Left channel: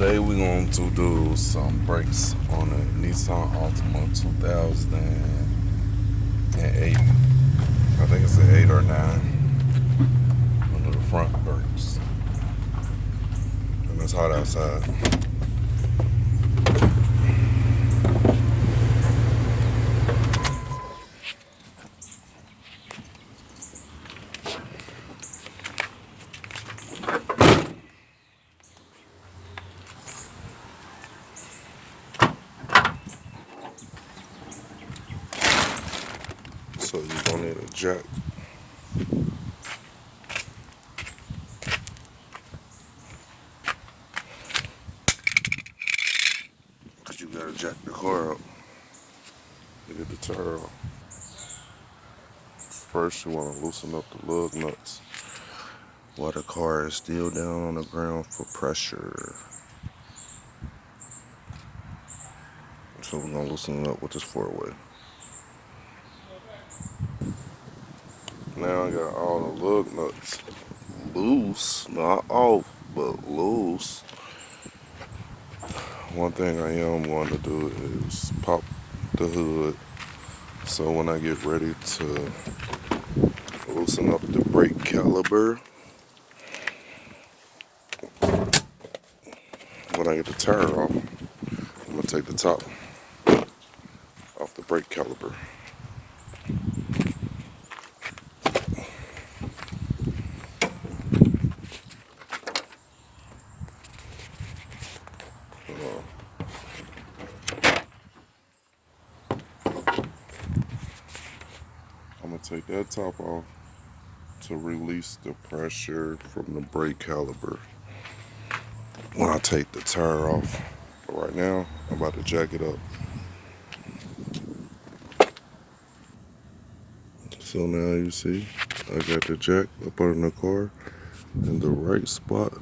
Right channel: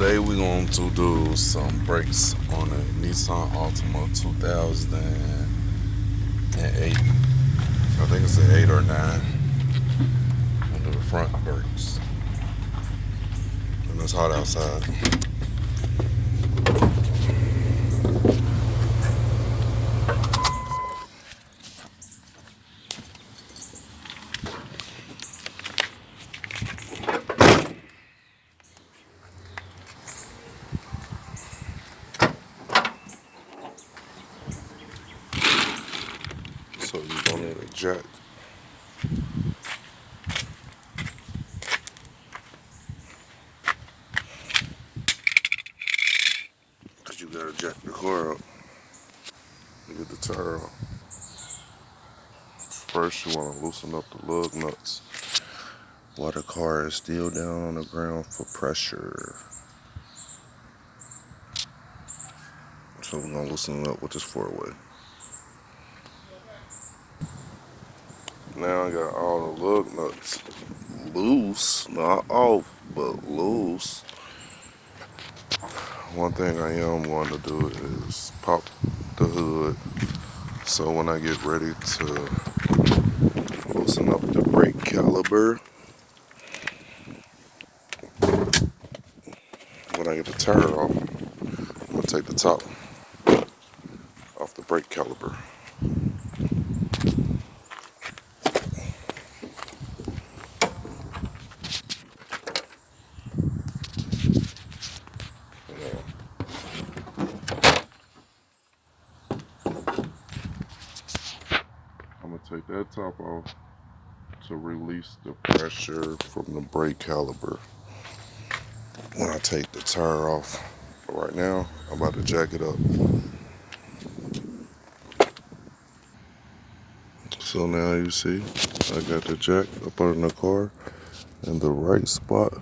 Today we're going to do some brakes on a Nissan Altima 2008. I think it's an 8 or 9 under the front brakes. And it's hot outside. So you're going to need a jack. Because you got to jack the car up to get the tire off. First you want to loosen up the lug nuts while the car is still down on the ground for pressure. So we're going to loosen it up with this 4-way. Now I got all the lug nuts loose, not off, but loose. One thing I am going to do is pop the hood, so when I get ready to loosen up the brake caliper, when I get the tire off, I'm going to take the top off the brake caliper. I'm going to take that top off to release the pressure from the brake caliper when I take the tire off. But right now, I'm about to jack it up. So now you see, I got the jack up under the car in the right spot,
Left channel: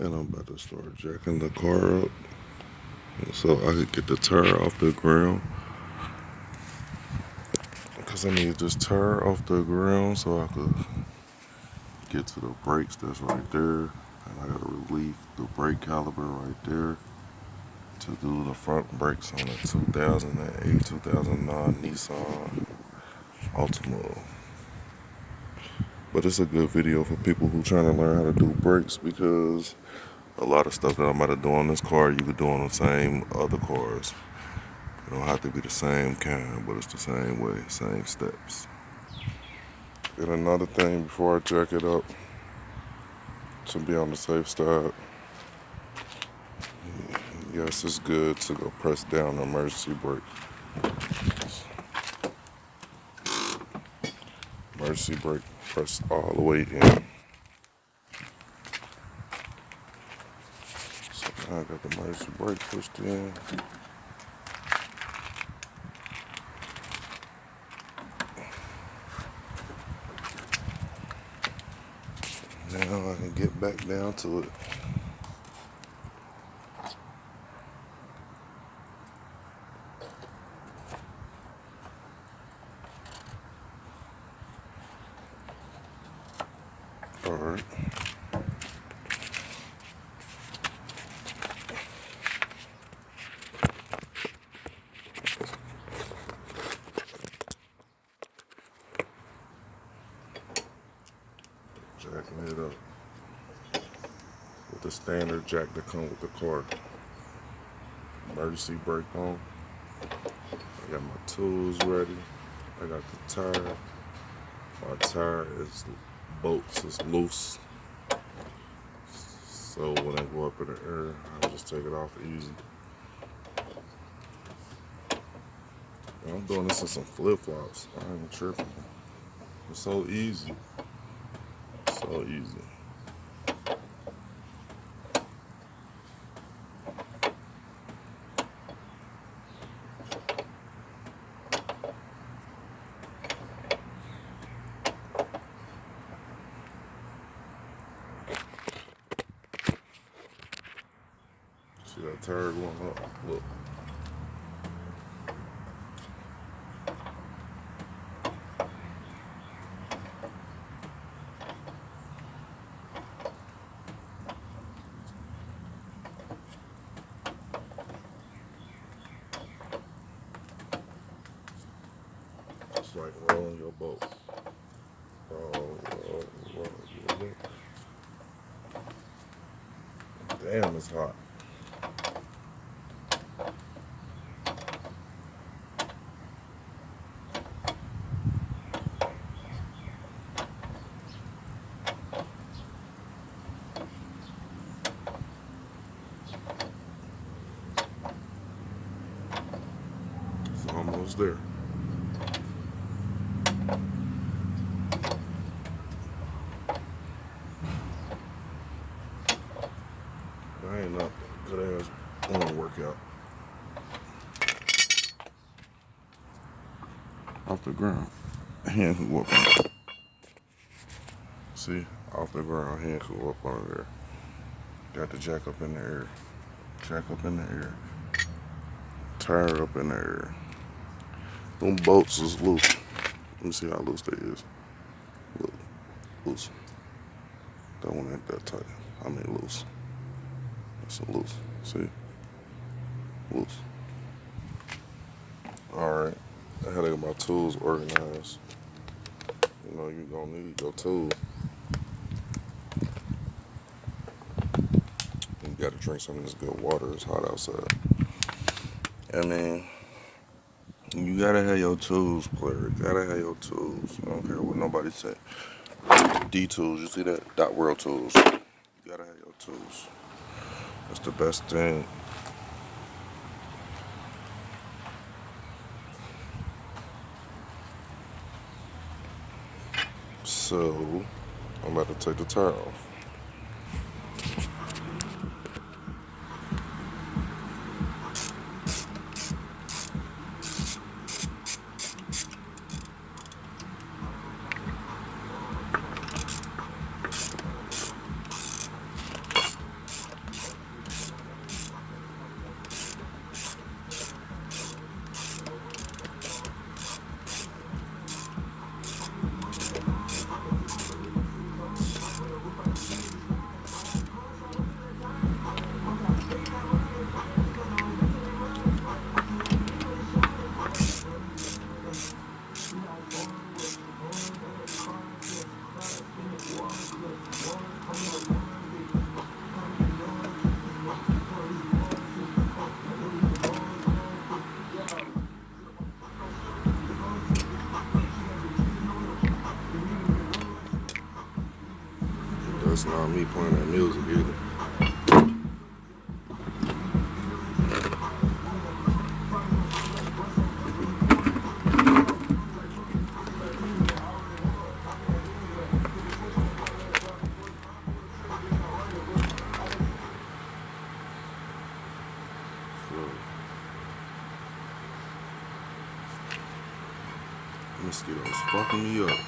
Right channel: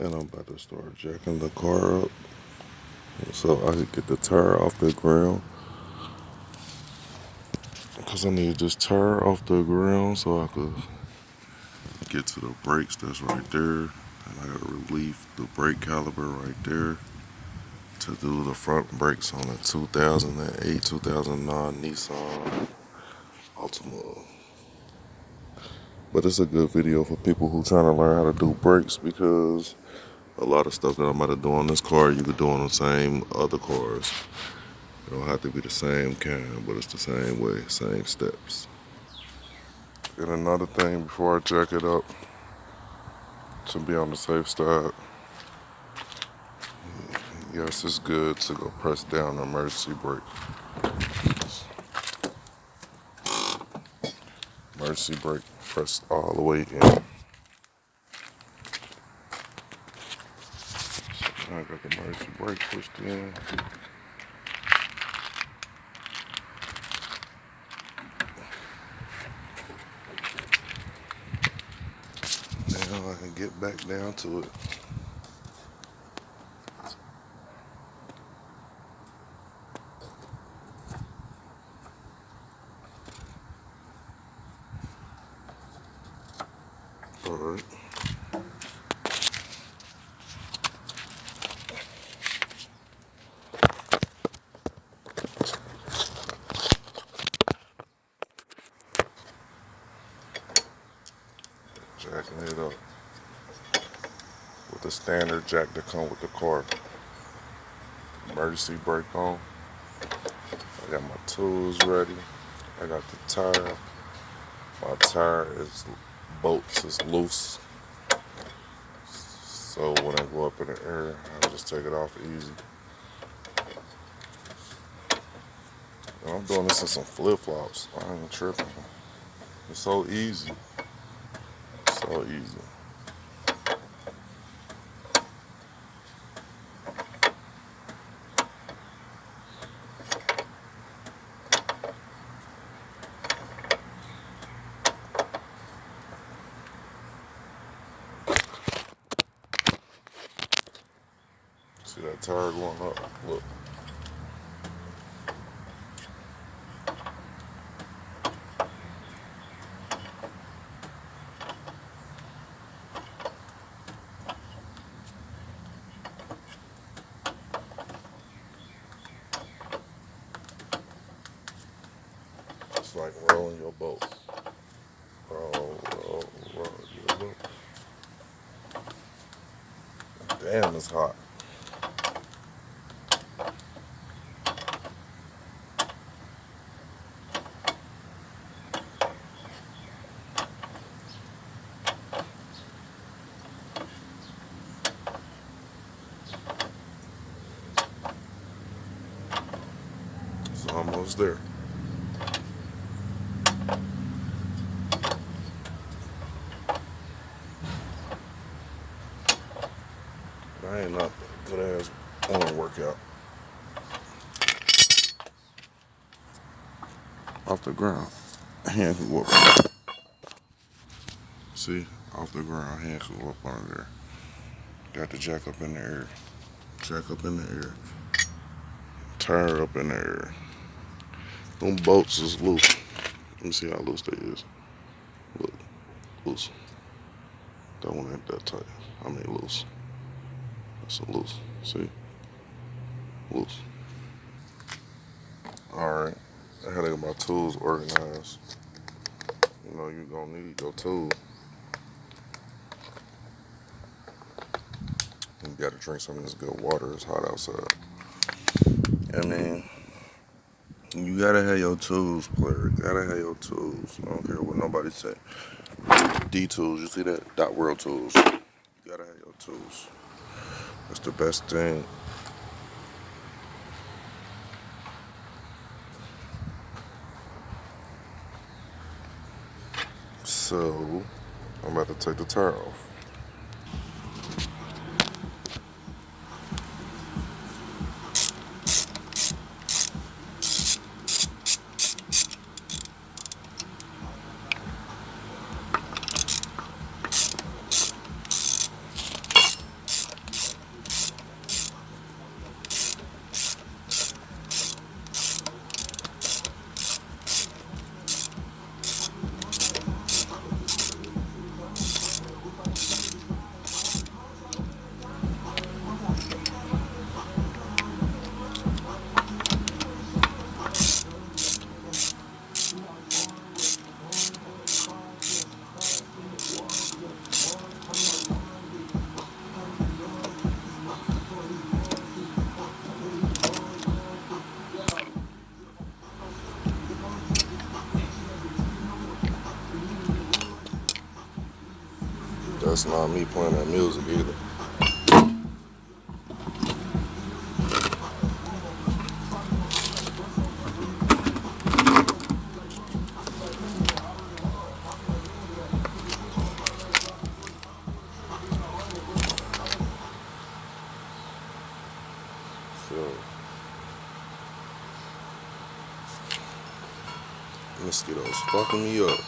and I'm about to start jacking the car up so I could get the tire off the ground. Because I need this tire off the ground so I could get to the brakes that's right there. And I gotta relieve the brake caliper right there to do the front brakes on a 2008, 2009 Nissan Altima. But it's a good video for people who trying to learn how to do brakes, because a lot of stuff that I'm about to do on this car, you could do on the same other cars. It don't have to be the same kind, but it's the same way, same steps. And another thing before I jack it up, to be on the safe side, yes, it's good to go press down the emergency brake. Emergency brake, press all the way in. So now I got the emergency brake pushed in. Now I can get back down to it. All right. Jacking it up with the standard jack that come with the car. Emergency brake on. I got my tools ready. I got the tire. My tire is bolts is loose. So when I go up in the air, I just take it off easy. I'm doing this in some flip-flops. I ain't tripping. It's so easy. So easy. See that tire going up? Look. It's like rolling your boat. Roll your boat. Damn, it's hot. It's almost there. That ain't not a good ass arm workout. Off the ground. Hand can go up on there. See? Off the ground. Hand can go up on there. Got the jack up in the air. Jack up in the air. Tire up in the air. Them bolts is loose. Let me see how loose they is. Look. Loose. That one ain't that tight. I mean loose. That's a loose. See? Loose. Alright. I had to get my tools organized. You know, you're gonna need your tools. You gotta drink some of this good water. It's hot outside. I mean, you gotta have your tools, player. You gotta have your tools. I don't care what nobody say. D tools, you see that? Dot World tools. You gotta have your tools. That's the best thing. So, I'm about to take the tire off. That's not me playing that music either. So, mosquitoes fucking me up.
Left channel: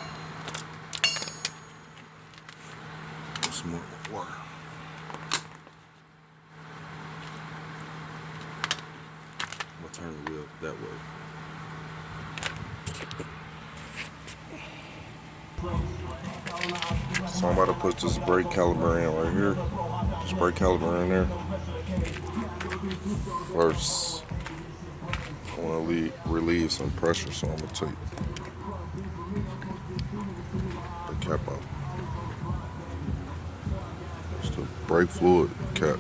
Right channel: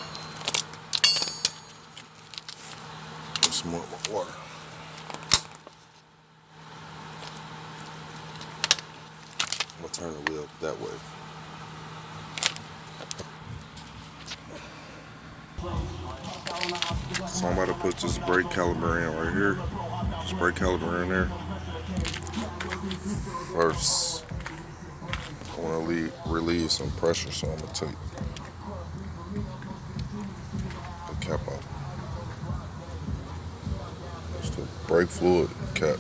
Some more water. I'm gonna turn the wheel that way. So I'm about to put this brake caliper in right here. This brake caliper in there. First, I want to relieve some pressure, so I'm gonna take the cap off. It's the brake fluid cap.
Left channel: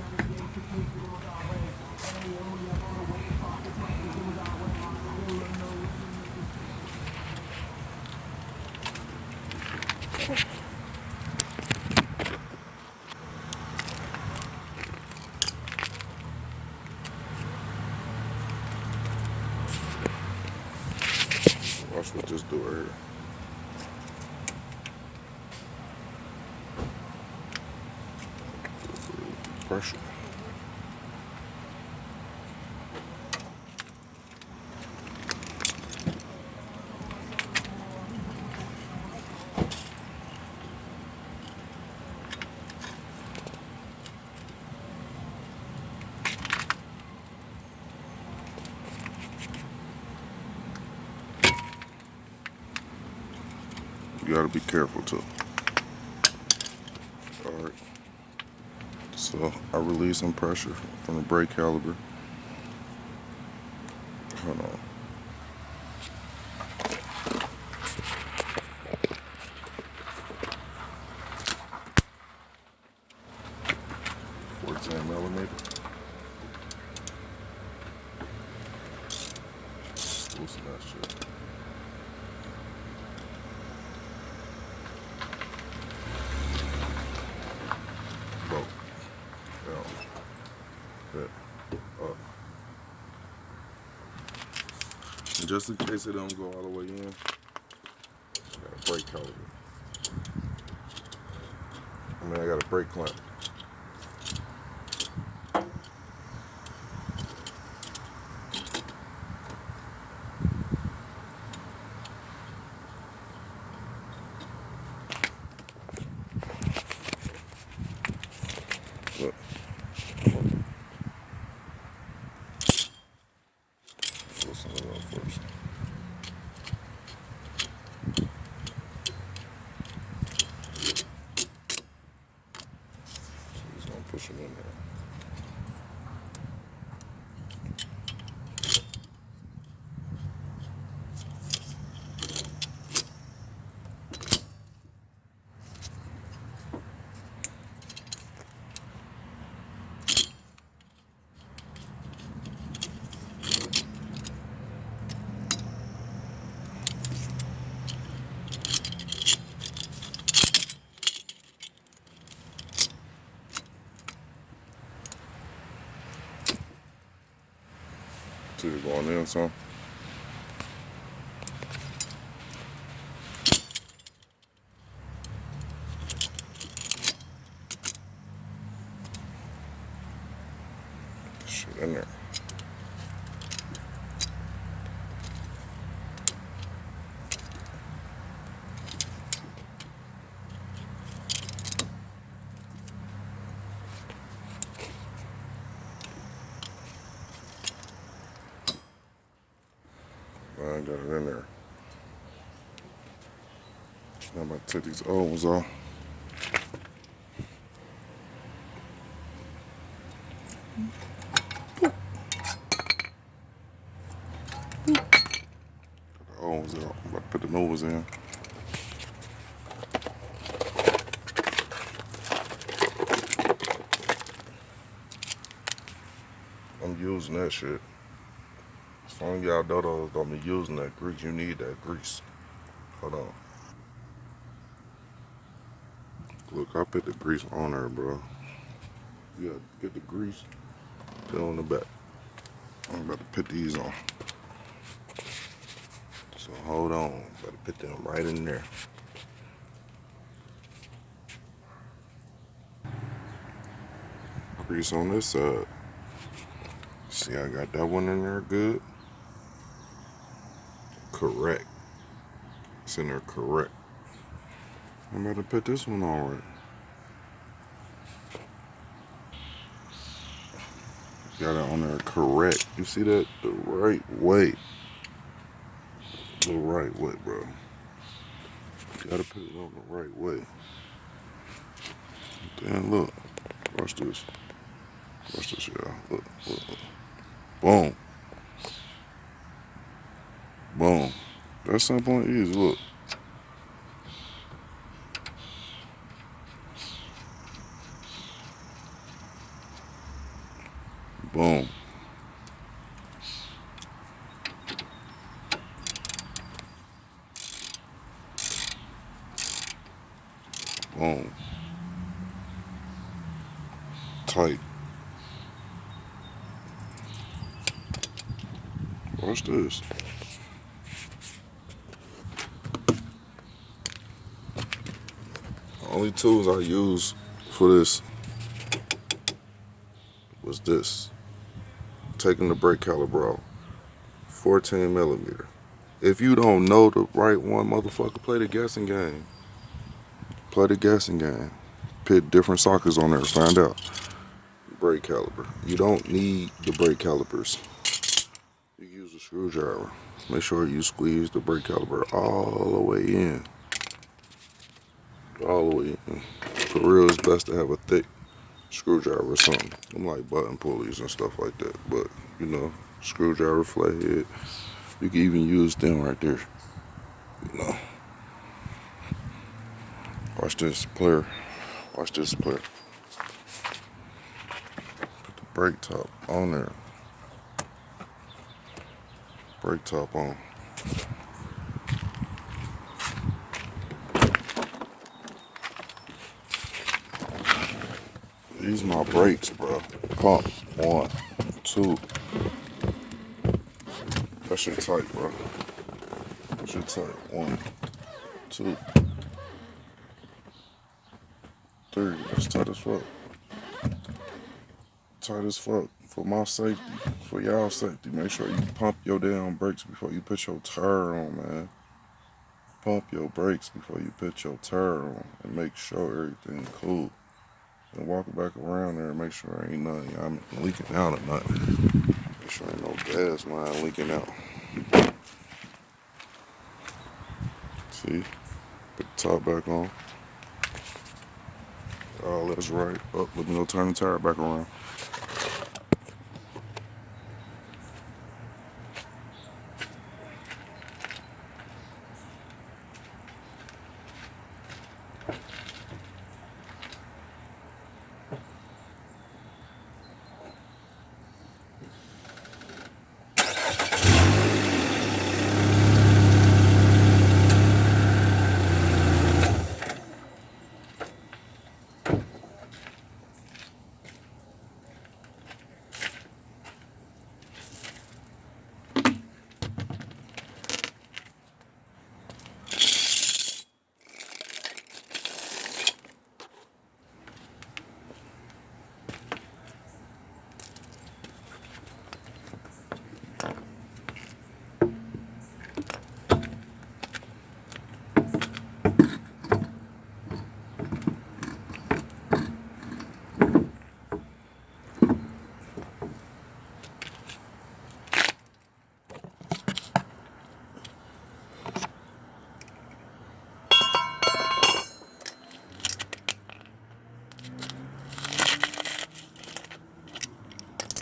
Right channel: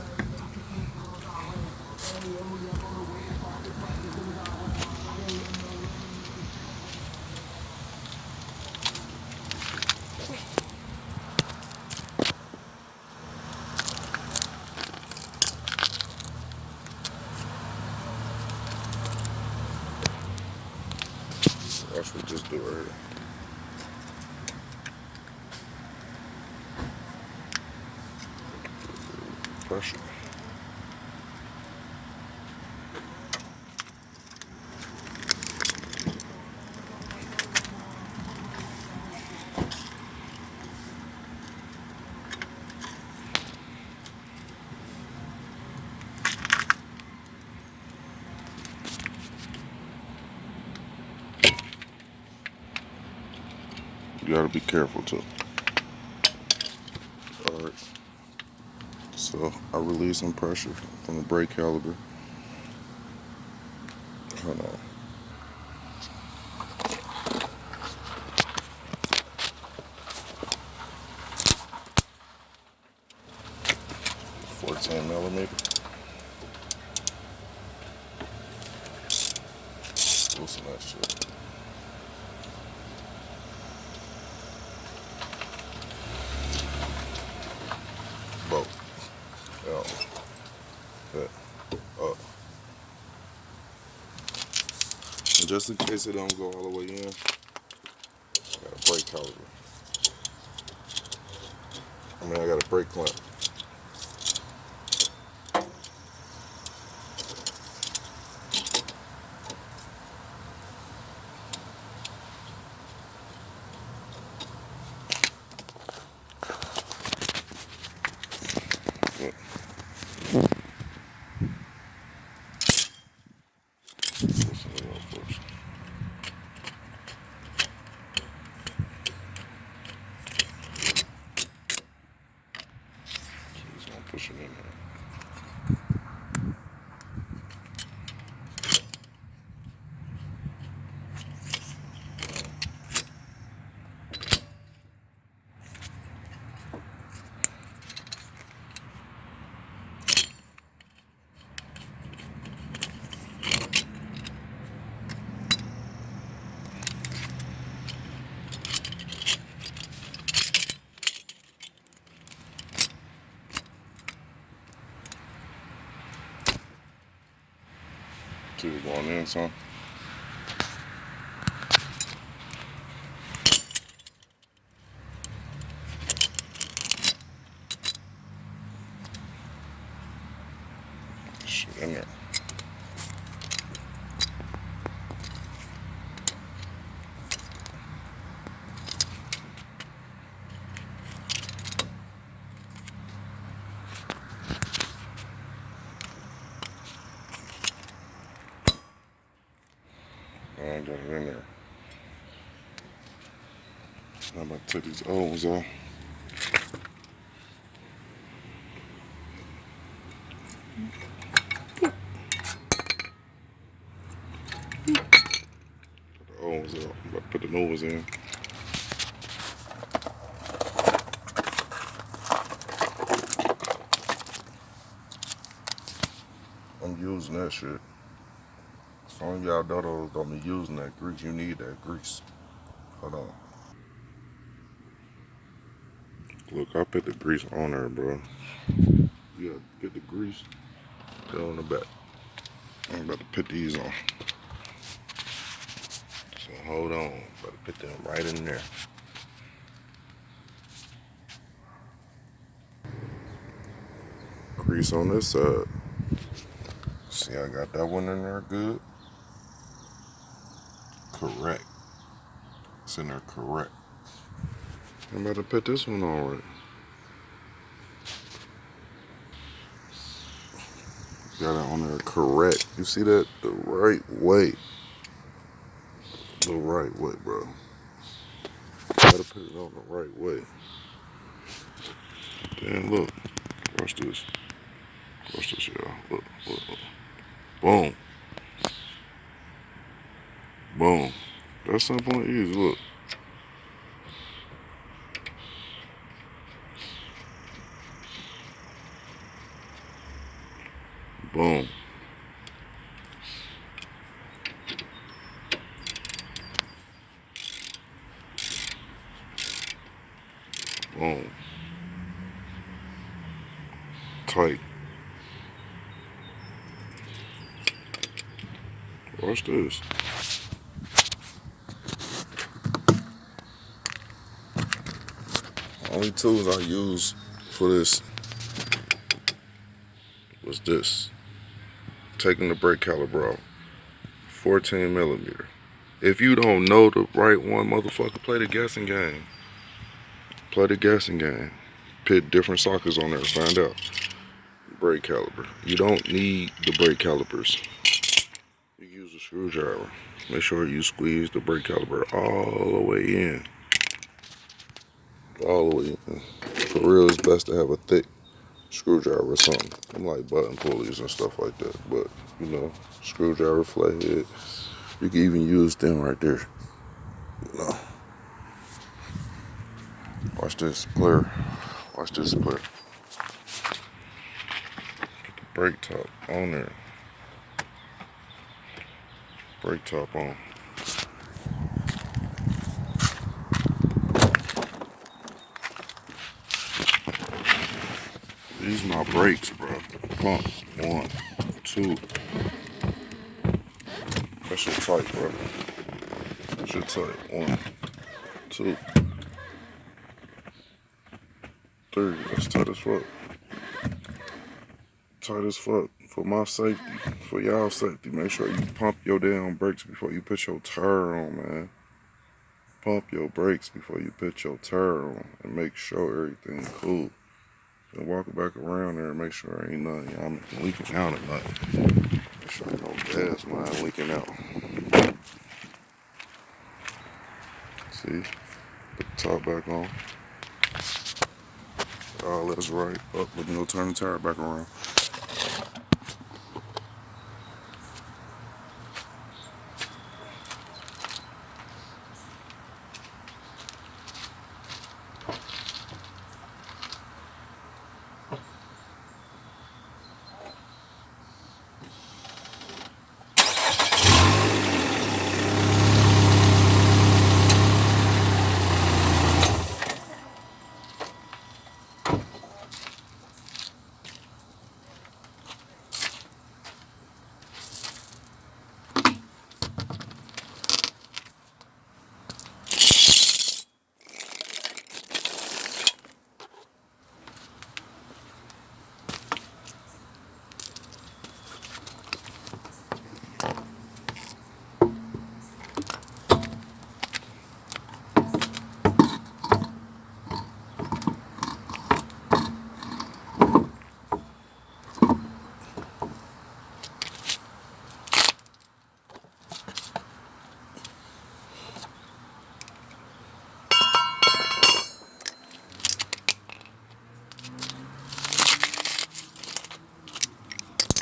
Watch what this do right here. Pressure. You gotta be careful too. Alright. So I release some pressure from the brake caliper. Hold on. Loosen that shit. Both. Down. Hit. Up. And just in case it don't go all the way in, I got a brake caliper. I got a brake clamp. Look. Loosen it up first. Just gonna push it in there. See it going in some. Shit in there. I got it in there. Now I'm about to take these old ones off. Put the old ones out. I'm about to put the new ones in. I'm using that shit. Some of y'all dodos don't be using that grease. You need that grease. Hold on. Look, I put the grease on there, bro. You gotta get the grease, put it on the back. I'm about to put these on. So hold on, about to put them right in there. Grease on this side. See, I got that one in there good. Correct. It's in there correct. I'm about to put this one on right. Got it on there correct. You see that? The right way. The right way, bro. Gotta put it on the right way. Then look. Watch this. Watch this, y'all. Look, look, look. Boom. Boom. That's simple and easy. Look. Boom. Boom. Tight. Watch this. The only tools I use for this was this. Taking the brake caliber out. 14 millimeter. If you don't know the right one, motherfucker, play the guessing game. Play the guessing game. Put different sockets on there to find out. Brake caliper. You don't need the brake calipers. You use a screwdriver. Make sure you squeeze the brake caliper all the way in. All the way in. For real, it's best to have a thick screwdriver or something. I'm like button pulleys and stuff like that. But, you know, screwdriver, flathead. You can even use them right there. You know. Watch this player. Watch this player. Put the brake top on there. brake top on. These my brakes, bro. Pump 1, 2. That shit tight, bro. That shit tight. 1, 2, 3. That's tight as fuck. Tight as fuck. For my safety, for y'all safety, make sure you pump your damn brakes before you put your tire on, man. Pump your brakes before you put your tire on and make sure everything cool. And walk back around there and make sure ain't nothing I'm leaking out or nothing. Make sure ain't no gas line leaking out. See? Put the top back on. All that's right. Up, let me go turn the tire back around.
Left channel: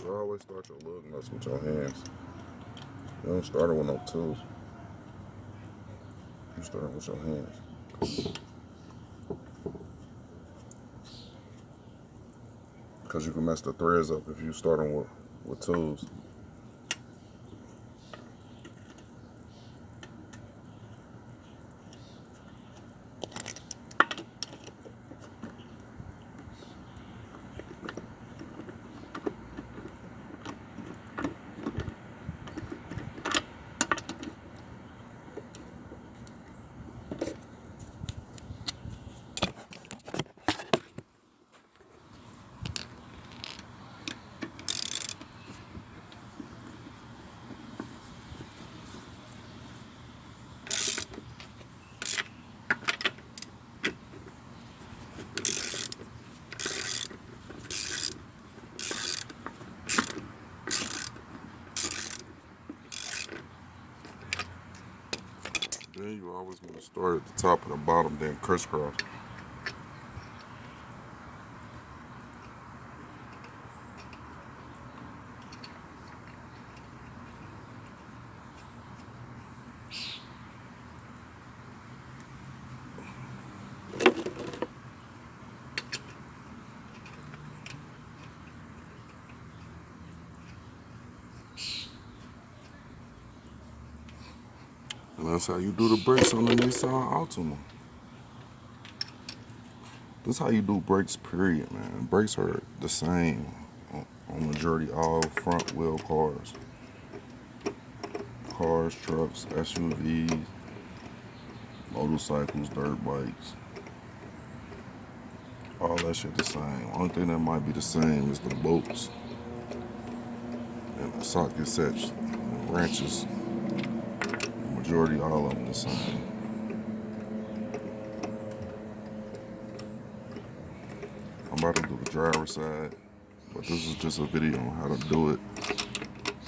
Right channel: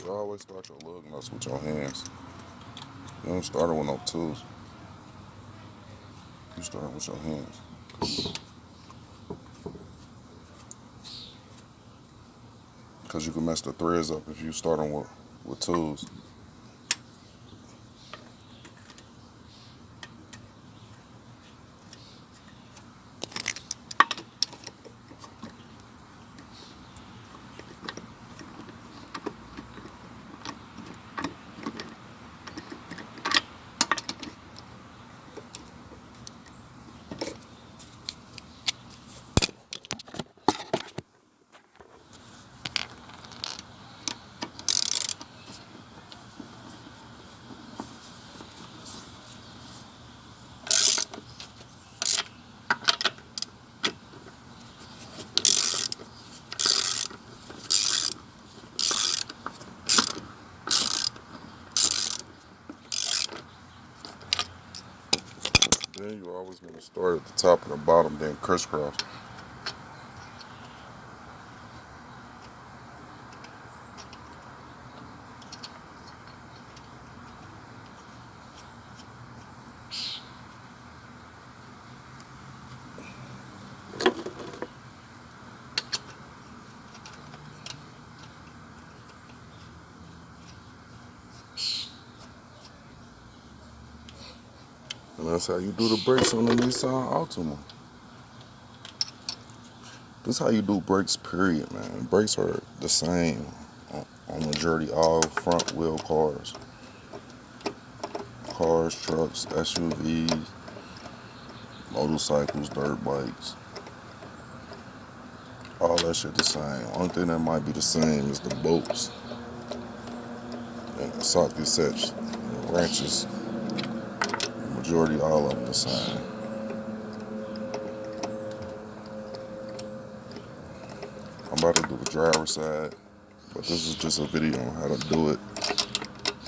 You always start your lug nuts with your hands. You don't start it with no tools. You start with your hands. Because you can mess the threads up if you start them with tools. Then you always want to start at the top and the bottom, then crisscross. And that's how you do the brakes on the Nissan Altima. This is how you do brakes, period, man. Brakes are the same on majority all front wheel cars. Cars, trucks, SUVs, motorcycles, dirt bikes. All that shit the same. Only thing that might be the same is the bolts and the socket sets, the wrenches. Majority all of them the same. I'm about to do the driver's side, but this is just a video on how to do it,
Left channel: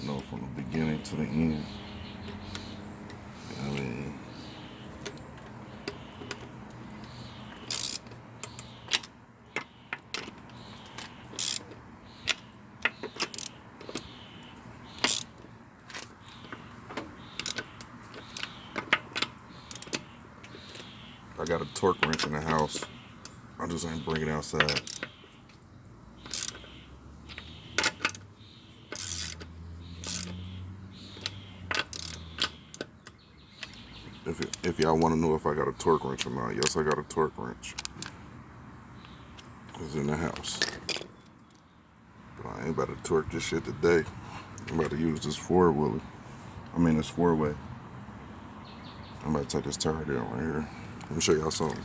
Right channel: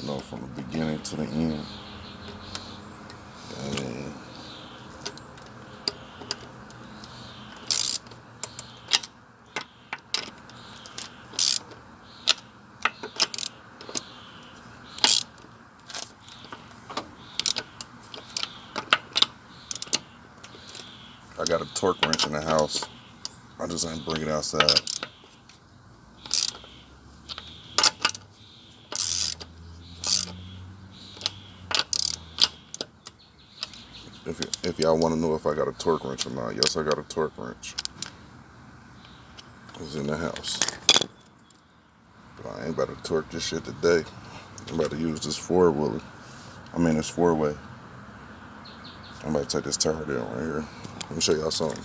you know, from the beginning to the end. And I got a torque wrench in the house. I just ain't bring it outside. If y'all want to know if I got a torque wrench or not, yes, I got a torque wrench. It's in the house. But I ain't about to torque this shit today. I'm about to use this this 4-way. I'm about to take this tire down right here. Let me show y'all something.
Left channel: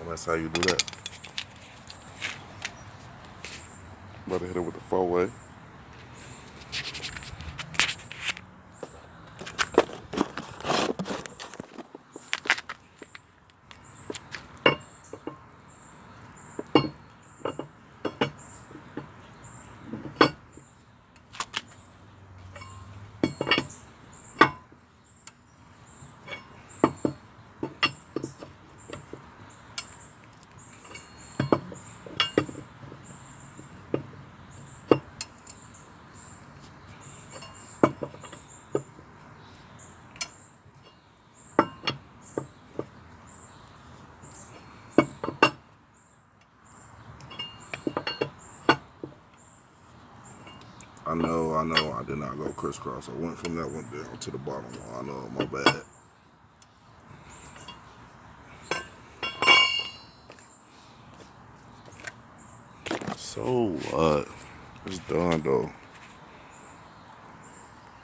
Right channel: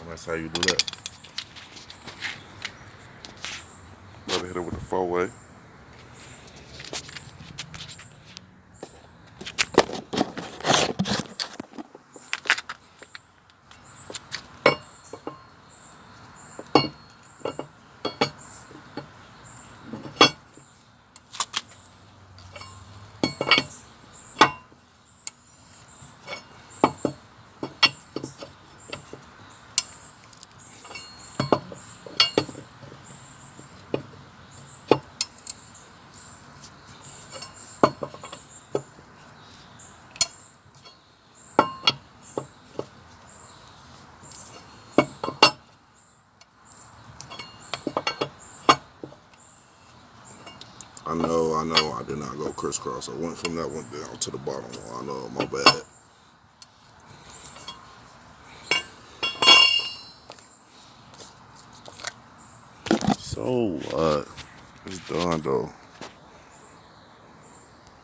And that's how you do that. About to hit it with the 4-way. I know, I did not go crisscross. I went from that one down to the bottom one. I know, my bad. So what? It's done though.